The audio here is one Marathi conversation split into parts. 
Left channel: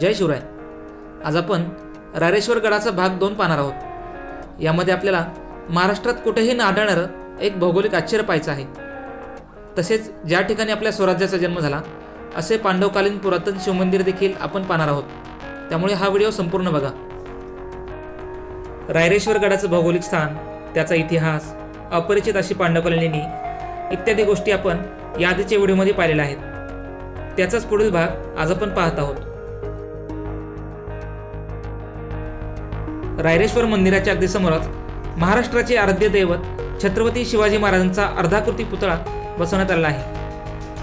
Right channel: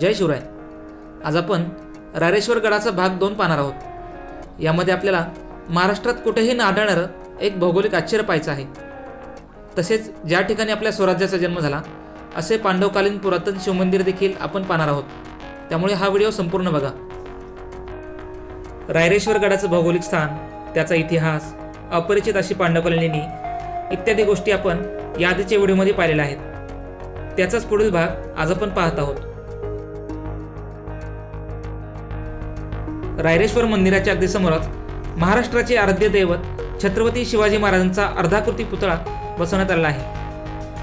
जय शिवराय. आज आपण रायरेश्वर गडाचा भाग दोन पाहणार आहोत. यामध्ये आपल्याला महाराष्ट्रात कुठेही न आढळणारं एक भौगोलिक आश्चर्य पाहायचं आहे. तसेच ज्या ठिकाणी आपल्या स्वराज्याचा जन्म झाला असे पांडवकालीन पुरातन शिवमंदिर देखील आपण पाहणार आहोत. त्यामुळे हा व्हिडिओ संपूर्ण बघा. रायरेश्वर गडाचं भौगोलिक स्थान त्याचा इतिहास अपरिचित अशी पांडवकालीन लेणी इत्यादी गोष्टी आपण या आधीच्या व्हिडिओमध्ये पाहिलेल्या आहेत. त्याचाच पुढील भाग आज आपण पाहत आहोत. रायरेश्वर मंदिराच्या अगदी समोरच महाराष्ट्राचे आराध्य दैवत छत्रपती शिवाजी महाराजांचा अर्धाकृती पुतळा बसवण्यात आला आहे.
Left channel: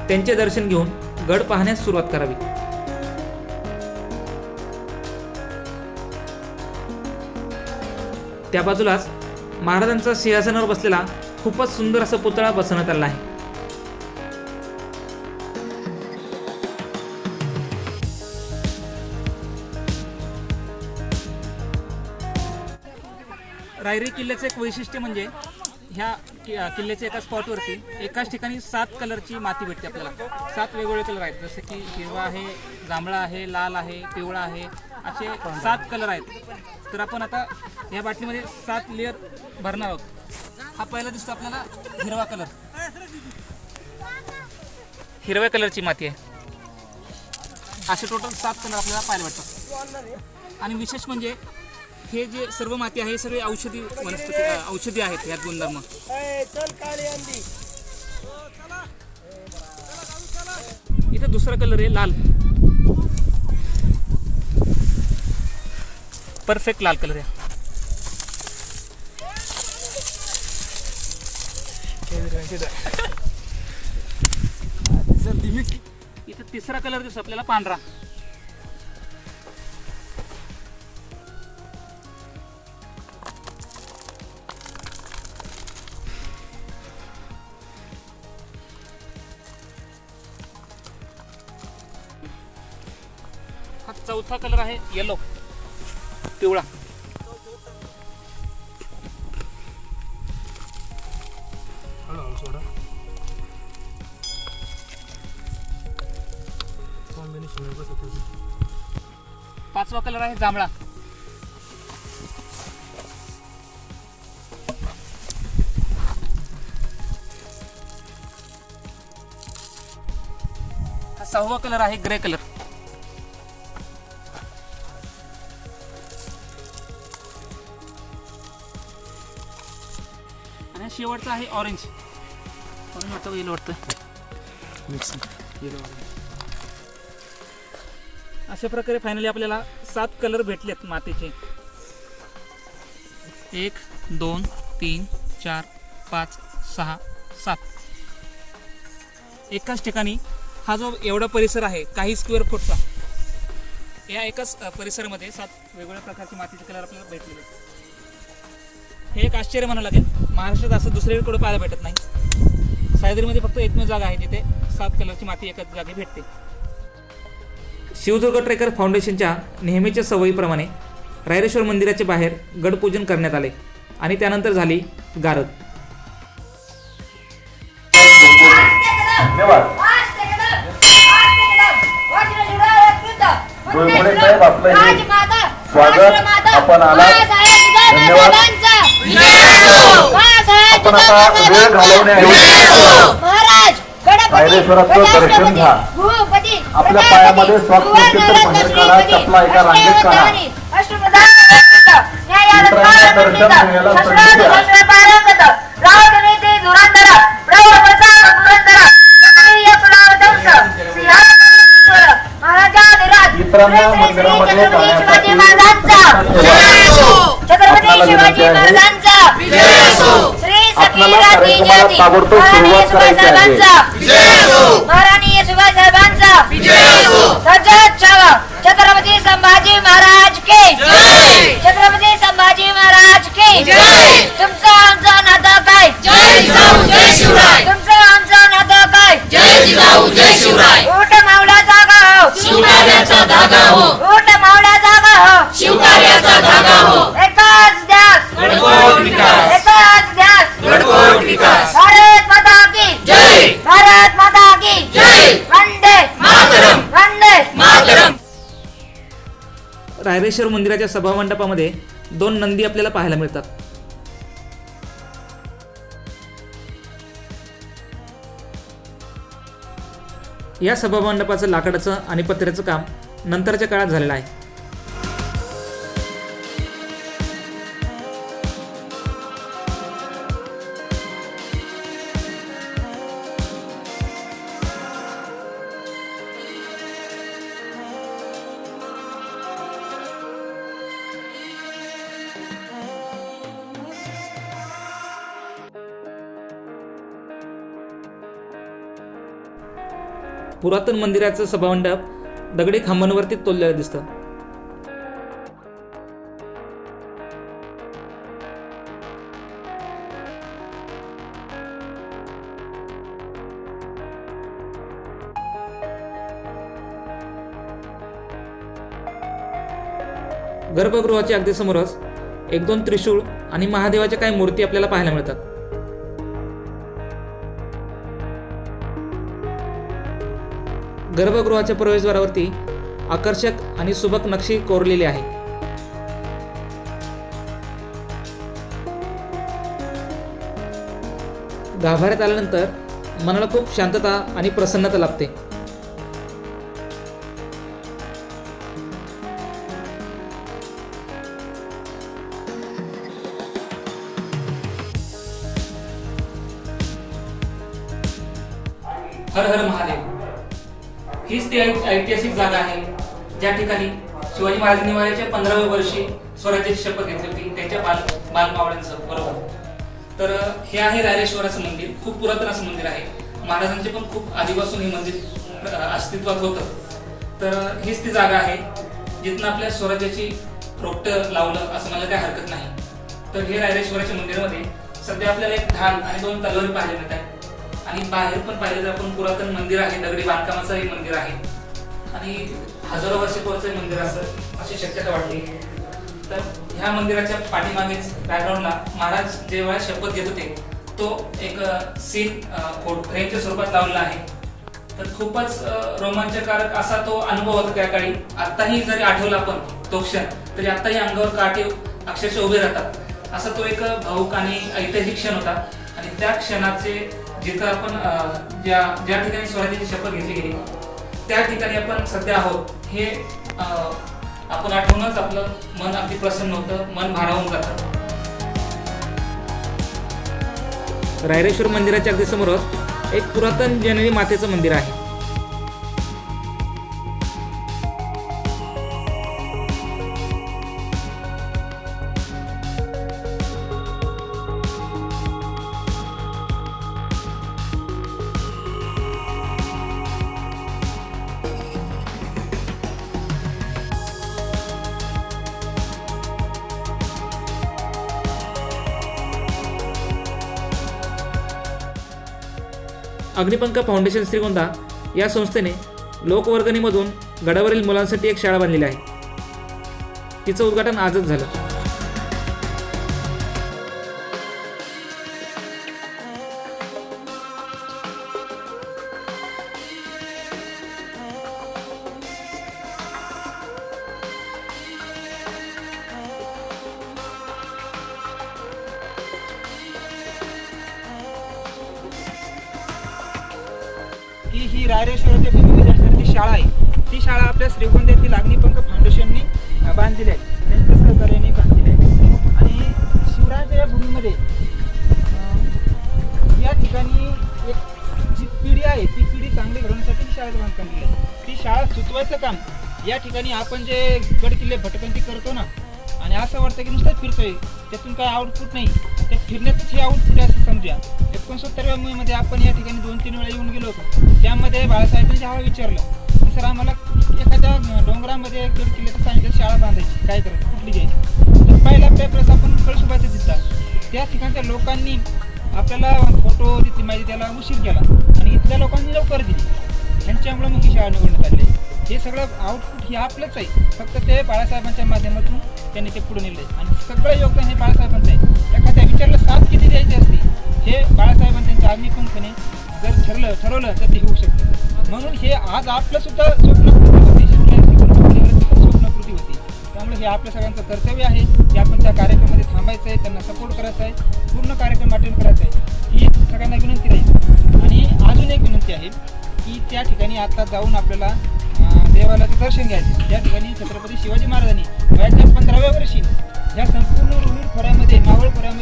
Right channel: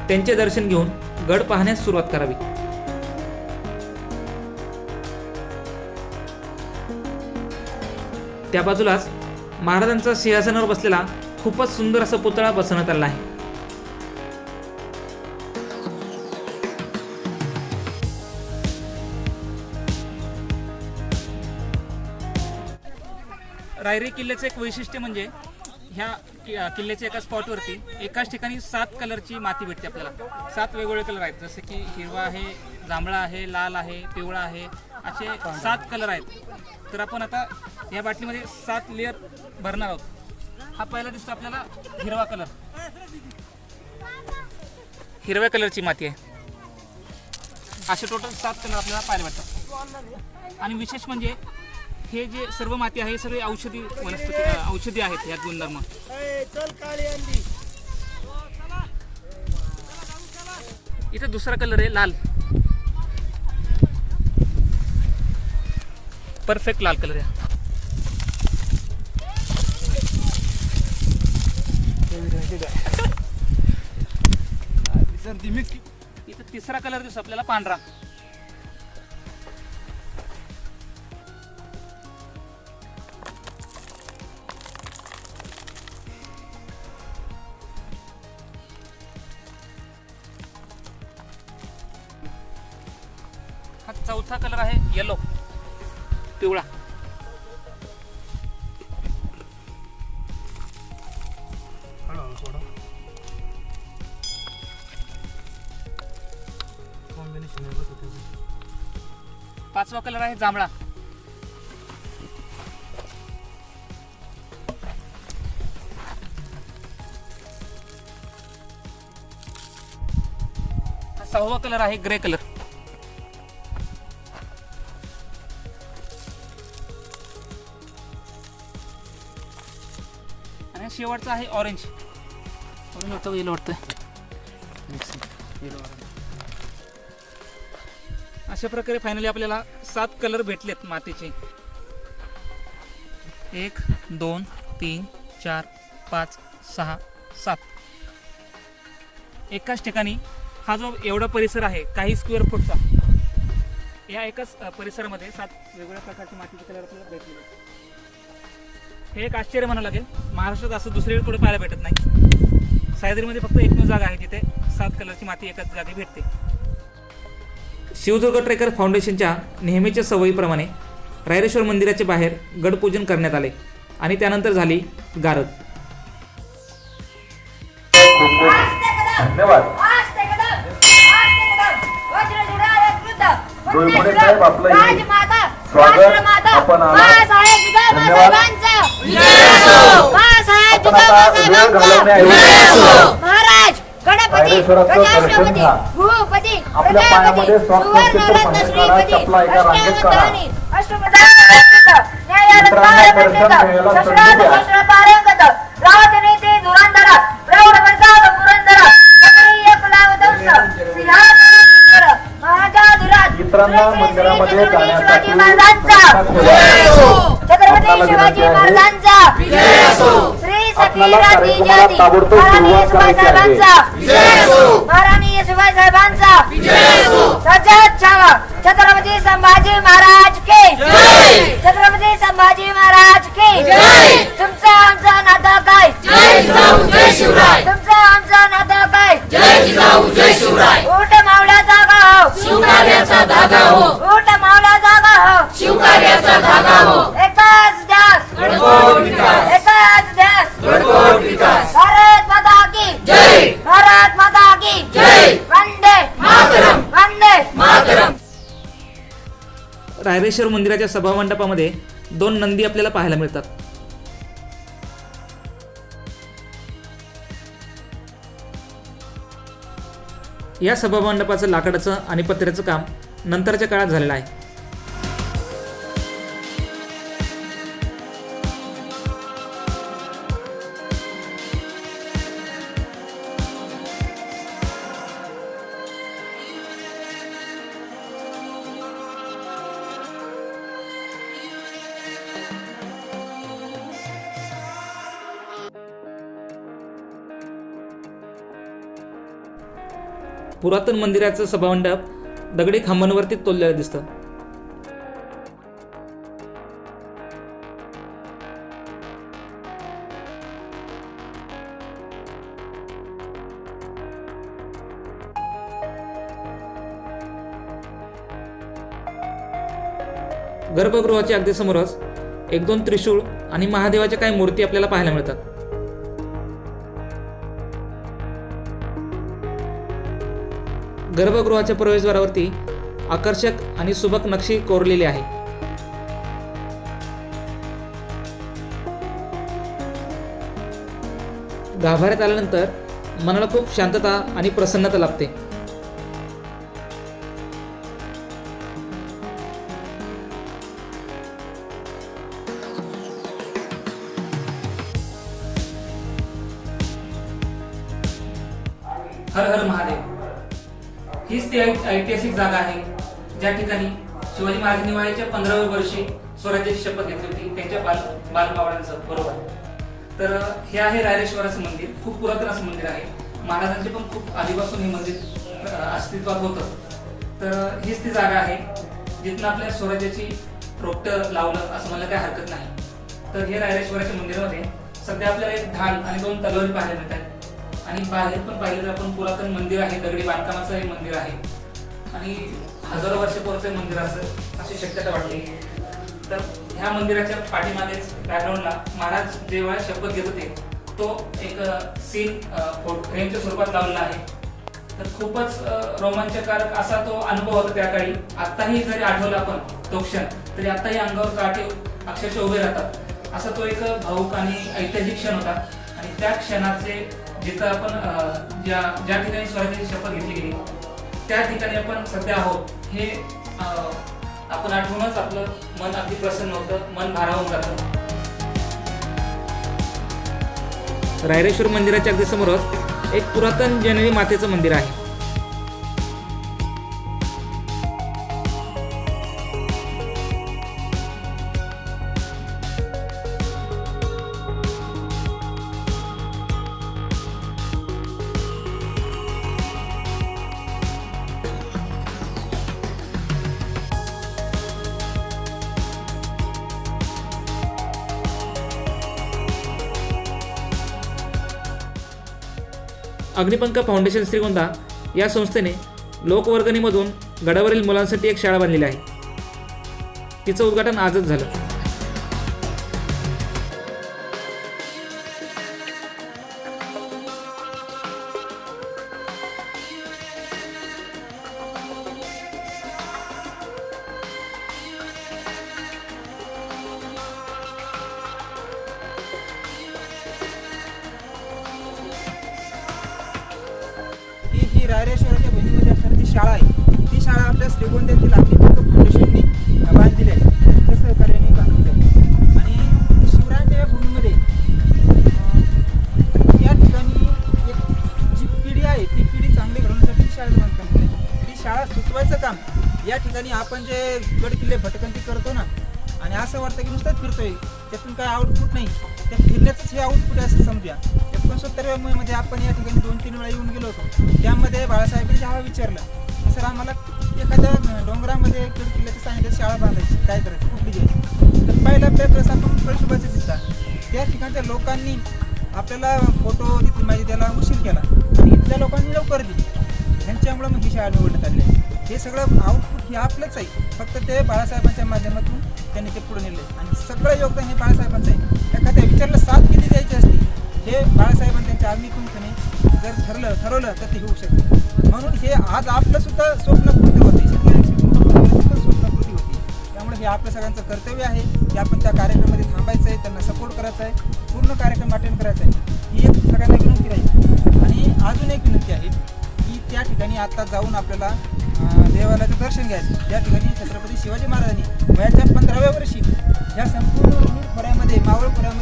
त्यांचे दर्शन घेऊन गड पाहण्यास सुरुवात करावी. त्या बाजूलाच महाराजांचा सिंहासनावर बसलेला खूपच सुंदर असा पुतळा बसवण्यात आला आहे. रायरी किल्ल्याचं एक वैशिष्ट्य म्हणजे ह्या कि- किल्ल्याच्या एका स्पॉटवरती एकाच ठिकाणी सात कलरची माती भेटते आपल्याला. सात वेगवेगळे कलर आहेत. जसे की हिरवा आहे जांभळा आहे लाल आहे पिवळा आहे असे सात कलर आहेत. तर आपण आता या बाटलीमध्ये सात लेअर भरणार आहोत. हा पहिला दिसतो आपल्याला हिरवा कलर हिरव्या कलरची माती आहे. असे टोटल सात कलर आपल्याला पाहायला भेटतात. आणि विशेष म्हणजे हे जे सर्व माती आहे सगळे औषधी वनस्पती औषधी आहेत यात गुणधर्म. इथं दुसरा कलर आहे लाल. परफेक्ट लाल कलर आहे इथं तिसरा कलर दिसतो आपल्याला पांढरा. चौथा कलर आहे येलो पिवळा. पाचवा कलर आहे जांभळा. सहावा कलर आहे ग्रे कलर. शेवटचा आहे ऑरेंज येईल वाटतं. अशा प्रकारे फायनली आपल्याला सात कलर भेटलेत मातीचे. एक दोन तीन चार पाच सहा सात. एकाच ठिकाणी हा जो एवढा परिसर आहे काही स्क्वेअर फूटचा या एकाच परिसरामध्ये सात वेगवेगळ्या प्रकारचे मातीचे कलर आपल्याला भेटलेले. हे एक आश्चर्य म्हणावं लागेल. महाराष्ट्रात असं दुसरीकडे कुठे पाहायला भेटत नाही. सह्याद्रीमध्ये फक्त एकमेव जागा आहे जिथे सात कलरची माती एकाच जागी भेटते. शिवदुर्ग ट्रेकर फाउंडेशनच्या नेहमीच्या सवयीप्रमाणे रायरेश्वर मंदिराच्या बाहेर गडपूजन करण्यात आले आणि त्यानंतर झाली गारद. धन्यवाद. डोईमुळे साहेब आपलं स्वागत. आपण आलात. घालवण्याऐवजी महाराज गणपती घ्या. भूपती आपल्या पायामध्ये चपला एका रांगेत काढा. मित्रांना दर्शन घ्यायला संधी द्या. मित्रांना मंदिरामध्ये जाण्यासाठी शिवाजी महाराजांचा. छत्रपती श्री जाती. महाराणी सुभाष. साहेबांचा महाराणी सुभाष साहेबांचा सजत छावा. संभाजी महाराज के. छत्रपती संभाजी महाराज के. तुमचं आमचं नातं काय? तुमचं आमचं नातं काय? ऊट मावळ्या जागा हो. रायरेश्वर मंदिराच्या सभामंडपामध्ये दोन नंदी आपल्याला पाहायला मिळतात. या सभामंडपाचं लाकडाचं आणि पत्र्याचं काम नंतरच्या काळात झालेलं आहे. पुरातन मंदिराचं सभामंडप दगडी खांबांवरती तोललेलं दिसतं. गर्भगृहाच्या अगदी समोरच एक दोन त्रिशूळ आणि महादेवाच्या काही मूर्ती आपल्याला पाहायला मिळतात. गर्भगृहाच्या प्रवेशद्वारावरती आकर्षक आणि सुबक नक्षी कोरलेली आहे. गाभाऱ्यात आल्यानंतर मनाला खूप शांतता आणि प्रसन्नता लाभते. हर हर महादेव. हीच ती ऐतिहासिक जागा आहे. ज्या ठिकाणी शिवाजी महाराजांनी वयाच्या पंधराव्या वर्षी स्वराज्याची शपथ घेतली होती. त्यांच्या बाल बालमावळ्यांचं बरोबर. तर हे आहे रायरेश्वराचं मंदिर. खूप पुरातन असं मंदिर आहे. महाराजांचे पण खूप आधीपासून हे मंदिर अस्तित्वात होतं. तर हीच ती जागा आहे जिथनं आपल्या स्वराज्याची रोपटं लावलं असं मला काही हरकत नाही. तर हे रायरेश्वराच्या मंदिरामध्ये सध्या आपल्याला एक धान आणि दोन तलवारी पाहायला मिळत आहेत आणि बाहेर पण पाहिलं तर आपण पुरातन मंदिर आहे दगडी बांधकामाचं हे मंदिर आहे. आणि हजारो वर्षे हे मंदिर असं अशी शक्यता वाटते तर ह्या मंदिराच्या पाठीमागेच बॅकग्राऊंडला महाराज जेव्हा शपथ घेत होते तो एक सीन फोटो फ्रेमच्या स्वरूपात लावलेला आहे. तर खूपच रोमांचकारक असा तो अनुभव होता त्या काळी. आत्ताही जरी आठवला आपण तो क्षण तरी आत्ताही अंगावर काटे अक्षरशः उभे राहतात. असा तो एक भाऊक आणि ऐतिहासिक क्षण होता. आणि त्या क्षणाचे जिथं आपण ज्या ज्या ठिकाणी स्वराज्याची शपथ घेतली गेली त्या ठिकाणी आपण सध्या आहोत हे आपण आठवूनच आपलं मन अगदी प्रसन्न होतं मन भारावून जातं. रायरेश्वर मंदिराच्या अगदी समोरच एक पुरातन जननी मातेचं मंदिर आहे. अग्निपंख फाउंडेशन श्रीगोंदा या संस्थेने लोकवर्गणीमधून गडावरील मुलांसाठी एक शाळा बांधलेली आहे. तिचं उद्घाटन आजच झालं. रायरेश्वर ते रायरेश्वराच्या असणारी ती शाळा आहे. ती शाळा आपल्या श्रीगोंद्यातील अग्निपंख फाउंडेशननी बांधलेली आहे. त्यांच्या सहकार्याने बांधलेली आहे. आणि शिवरायांच्या या भूमीमध्ये या ठिकाणी एक जी पिढी आहे ती पिढी चांगली घडवण्यासाठी शाळेत बांधकाम आहे. ती शाळा सुचवायचं काम या ठिकाणी आपण जे गड किल्ले भटकंती करतो ना आणि असं वाटतं की नुसतंच फिरतोय त्यातून काय आउटपुट नाही. त्या फिरण्याचंच हे आउटपुट आहे असं समजूया. एकोणसत्तरव्या मध्ये आपण या ठिकाणी दोन तीन वेळा येऊन गेलो होतो. त्यामध्ये बाळासाहेबांनी जेव्हा विचारलं सर आम्हाला एखाद्या डोंगरामध्ये गड किल्ल्याचं सांगितलं शाळा बांधायची काय करायची? कुठली घ्यायची? तर पहिला पेपर्स आपण कळसुबाचे दिसतात त्या ठिकाणच्या लोकांनी आपल्याला फोटो तिथली माहिती द्यायला उशीर केला. आणि इथल्या लोकांनी लवकर दिली. ह्यांच्यामुळे मग ही शाळा निवडण्यात आली. आहे हे सगळं आउटपुट हे आपलंच आहे. फक्त ते बाळासाहेबांच्या माध्यमातून त्यांनी ते पुढे नेले आणि सगळं योगदान हे बाळासाहेबांचं आहे. एखाद्या विचारलं साथ किती द्यायची असती हे बाळासाहेबांनी त्यांच्या आर्मीतून जर ठरलं ठरवलं तर ते होऊ शकते. म्हणून हे आज आपलं सुद्धा स्वप्नकृती होते. स्वप्नकृती होती. त्यामुळे हे आपल्या सगळ्यांचं कर्तव्य आहे की आपण त्या कार्यक्रमामध्ये थांबायचं आहे त्यांना सपोर्ट करायचा आहे पूर्ण कार्यक्रम अटेंड करायचा आहे ही एक सगळ्यांना विनंती राहील. आणि अजून एक विनंती आहे की त्या ठिकाणी आता जाऊन आपल्याला अं, देवालयाचं दर्शन घ्यायचं. या ठिकाणी छत्रपती शिवाजी महाराजांनी वयाच्या पंधराव्या वर्षी ह्या संपूर्ण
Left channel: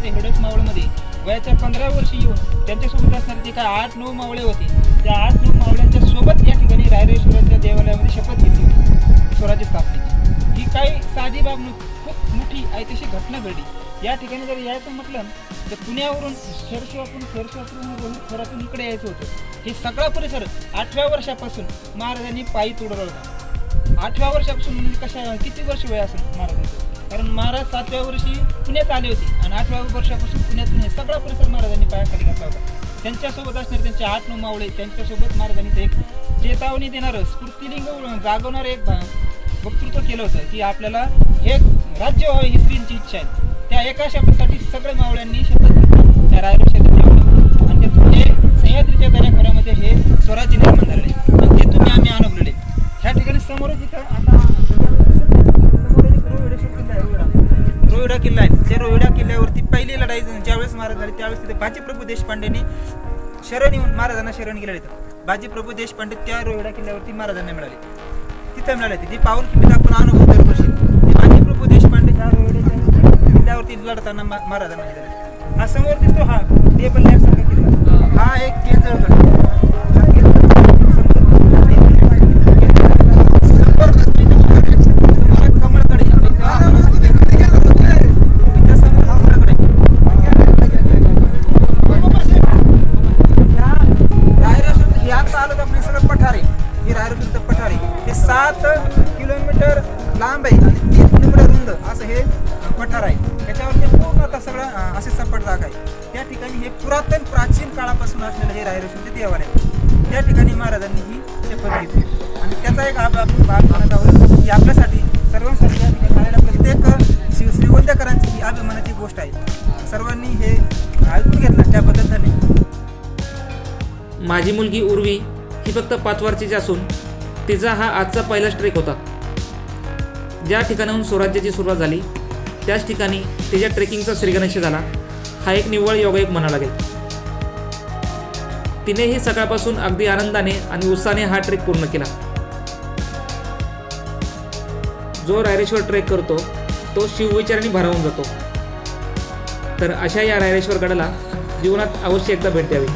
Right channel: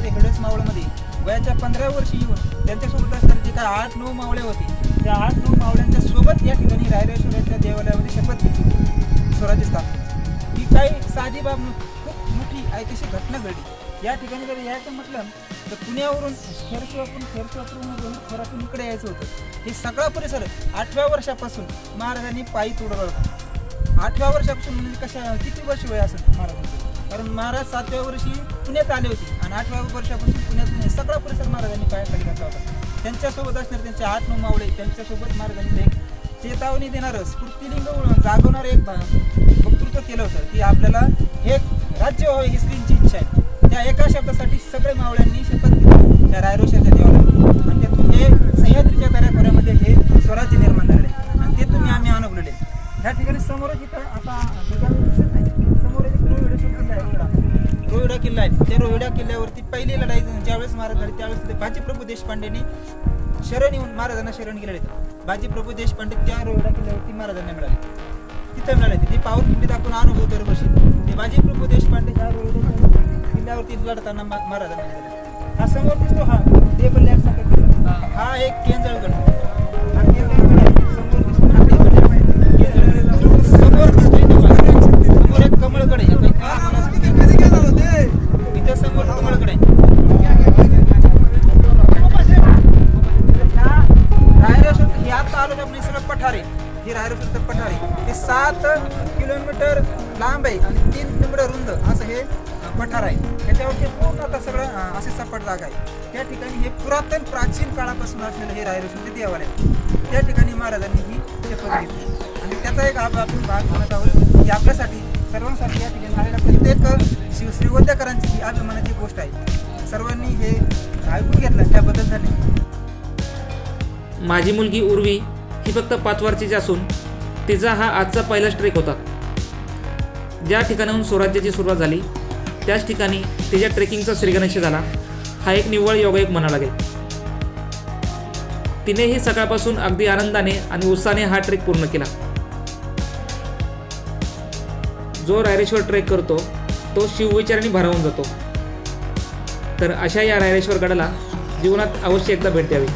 मावळ खोऱ्यामध्ये हेडस मावळमध्ये वयाच्या पंधरा वर्षी येऊन त्यांच्यासोबत असणारे जे काय आठ नऊ मावळे होते त्या आठ नऊ मावळ्यांच्या सोबत या ठिकाणी रायरेश्वराच्या देवालयामध्ये शपथ घेतली होती. स्वराज्य स्थापनेची ही काही साधी बाब खूप मोठी ऐतिहासिक घटना घडली. या ठिकाणी जर यायचं म्हटलं तर पुण्यावरून खेरशिवापून खेरशिवापूर खोरातून इकडे यायचं होतं. हे सगळा परिसर आठव्या वर्षापासून महाराजांनी पायी तोडला होता. आठव्या वर्षापासून म्हणजे कशा किती वर्ष वय असेल महाराजांचं? कारण महाराज सातव्या वर्षी पुण्यात आले होते आणि आठव्या वर्षापासून पुण्यातून हे सगळा परिसर महाराजांनी पायाखाली घातला होता. त्यांच्यासोबत असणारे त्यांचे आठ नऊ मावळे त्यांच्यासोबत महाराजांनी ते एक चेतावणी देणारं स्फूर्तिलिंग जागवणारं एक वक्तृत्व केलं होतं की आपल्याला हे राज्य व्हावं ही स्त्रींची इच्छा आहे. त्या एका शब्दासाठी सगळ्या मावळ्यांनी शपथ घेतली. त्या रायरोशाच्या पहिली लढाई ज्यावेळेस महाराज झाली त्यावेळेस तिथे बाजीप्रभू देशपांडेंनी शरण येऊन महाराजांना शरण गेले इथं बाजीप्रभू देशपांडे त्या रोहिडा किल्ल्यावरती महाराजांना मिळाले. तिथं मिळाले ती पाऊल किल्ली दाखवून अनुभव करत असेल बाजीप्रभू देशपांडे ह्या रोहिड्याच्या किल्ल्यावरती लढताना मा- महाराजांना मिळाले. हा समोर दिसतो हा टेबल लॅम्प सांगत किल्ला हा एक केंद्रगड हे पठारे. ते सात किलोमीटर लांब आहे आणि तीन किलोमीटर रुंद असं हे पठार आहे. त्याच्यावरती पूर्ण आता सगळं असे सपाट जागा आहे. त्या ठिकाणी हे पुरातन प्राचीन काळापासून असलेलं हे रायरेश्वरचे म्हणजे देवालय आहे. त्या ठिकाणी महाराजांनी ही शपथ घेतली. आणि त्याचा एक आपण भाग म्हणत आहोत की आपल्यासाठी सर्वांसाठी या ठिकाणी आलेल्या प्रत्येक शिवश्री वद्यकरांची ही अभिमानाची गोष्ट आहे. सर्वांनी हे ऐकून घेतलं. त्याबद्दल धन्यवाद. माझी मुलगी उर्वी ती फक्त पाच वर्षाची असून तिचा हा आजचा पहिला ट्रेक होता. ज्या ठिकाणाहून स्वराज्याची सुरुवात झाली त्याच ठिकाणी तिच्या ट्रेकिंगचा श्रीगणेश झाला. हा एक निव्वळ योगायोग म्हणा लागेल. तिनेही सकाळपासून अगदी आनंदाने आणि उत्साहाने हा ट्रेक पूर्ण केला. जो रायरेश्वर ट्रेक करतो तो शिवविचाराने भरावून जातो. तर अशा या रायरेश्वर गडाला जीवनात अवश्य एकदा भेट द्यावी.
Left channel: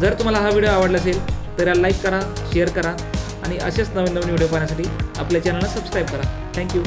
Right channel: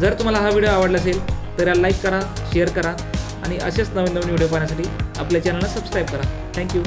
जर तुम्हाला हा व्हिडिओ आवडला असेल तर याला लाईक करा शेअर करा आणि असेच नवीन नवीन व्हिडिओ पाहण्यासाठी आपल्या चॅनलला सबस्क्राईब करा. थँक्यू